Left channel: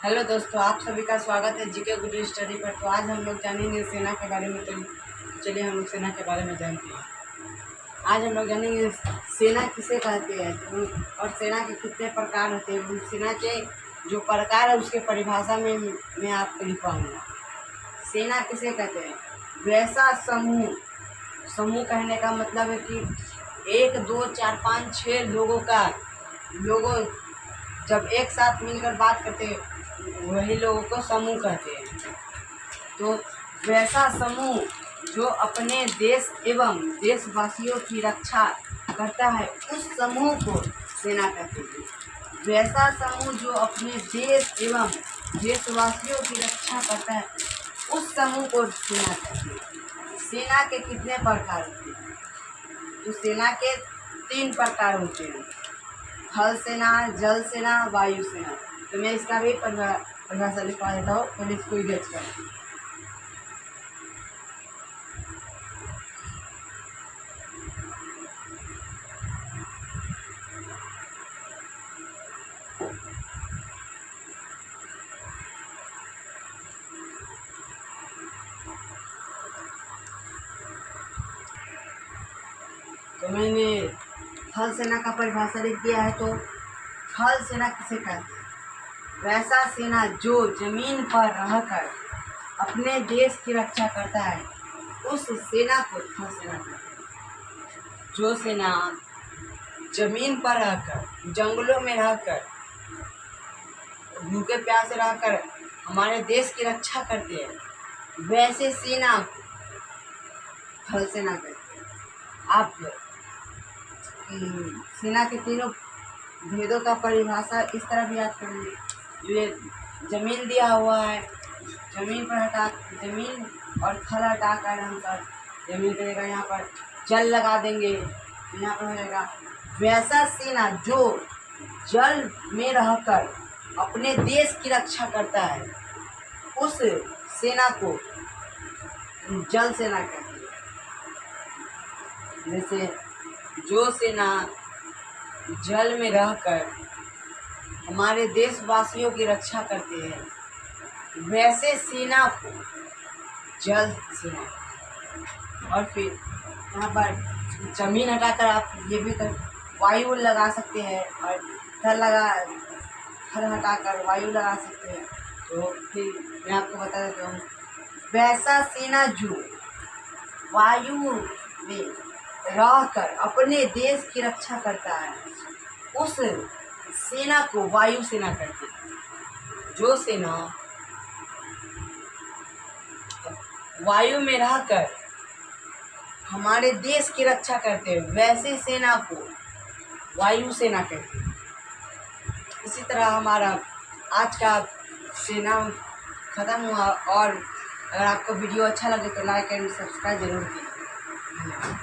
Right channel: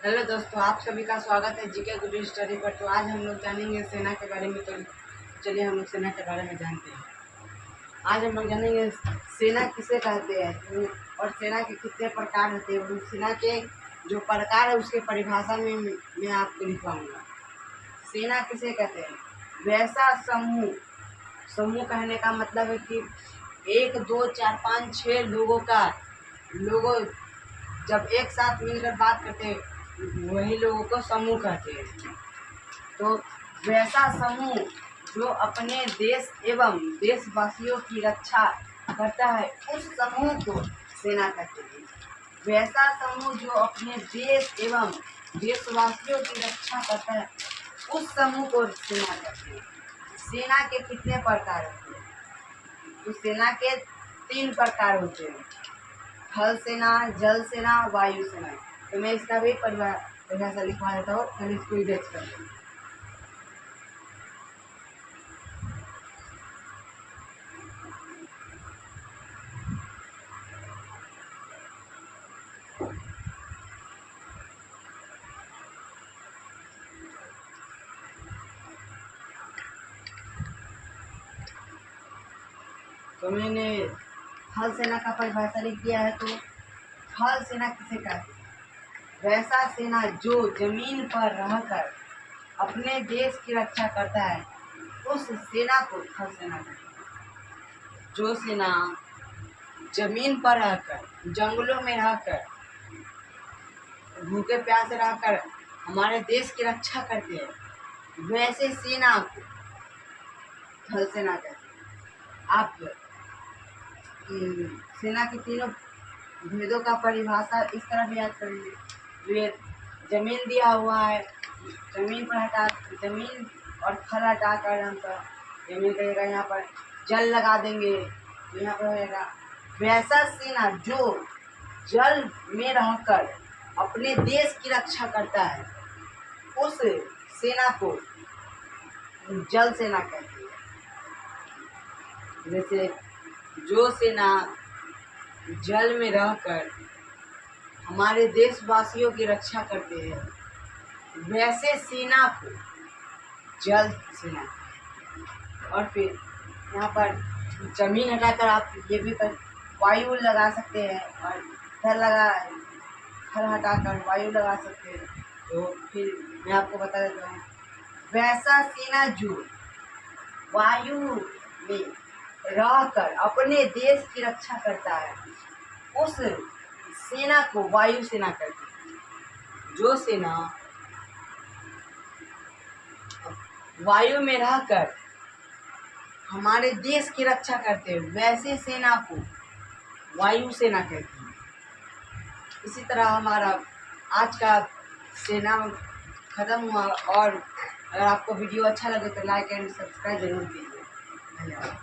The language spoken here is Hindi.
हेलो दोस्तों, आप सभी का स्वागत है जीके गुड स्टडी पर। तो आज हम लोग जानेंगे सेना के बारे में। तो चलिए हम लोग सेना के बारे में जानते हैं। आज हम लोग जानेंगे सेना किसे कहते हैं और सेना के कितने प्रकार होते हैं। उन सेना के जो प्रकार है उसके परिभाषा में मैं आपको लिखवाऊंगा। सेना किसे कहते हैं? वैसा समूह। समूह कहने का मतलब है कि 1 2 4 5 6 लोगों जब एक साथ मिलकर बात करते हैं वही लोगों को समूह कहते हैं। तो वैसा समूह जो अपने देश एवं देशवासियों की रक्षा करता है उस समूह को सेना कहते हैं। वैसा समूह जो अपने देश एवं देशवासियों की रक्षा करता है उस समूह को सेना कहते हैं। सेना के कितने प्रकार होते हैं? तो सेना के 3 प्रकार होते हैं: थल सेना, जल सेना, वायु सेना। तो मैं इसका भी परिभाषा लिखवा देता हूँ, पहले इसको ही देख कर। तो मैंने थल सेना का परिभाषा लिख दिया है। तो थल सेना किसे कहते हैं? वैसा सेना जो जमीन पर रहकर अपने देश की रक्षा करता है उस सेना को थल सेना कहते हैं। जो सेना जमीन पर रहकर, जंगलों में रहकर, भूखे प्यासे रहकर हमारे देश की रक्षा करते हैं वैसे सेना को थल सेना कहते हैं। आप सेना के तीनों भेदों का परिभाषा इस तरह भी याद करेंगे। जो ये जमीन दिया हुआ है, जमीन और थल हटाकर हम सब जमीन करेगा। यहाँ पर जल लगा देंगे तो यहाँ पर हो जाएगा वैसा सेना जो जल में रहकर अपने देश की रक्षा करता है उस सेना को जल सेना कहते हैं। जैसे जो सेना जल में रहकर हमारे देशवासियों की रक्षा करते हैं वैसे सेना को जल सेना। और फिर यहाँ पर जमीन हटाकर आप ये भी कर वायु लगा सकते हैं और थल हटाकर वायु लगा सकते हैं। तो फिर मैं आपको बता देता हूँ, वैसा सेना जो वायु में रहकर अपने देश की रक्षा करता है उस सेना को वायु सेना कहते हैं। जो सेना वायु में रहकर हमारे देश की रक्षा करते हैं वैसे सेना को वायु सेना कहते हैं। इसी तरह हमारा आज का सेना खत्म हुआ। और अगर आपको वीडियो अच्छा लगे तो लाइक एंड सब्सक्राइब जरूर कीजिए। धन्यवाद।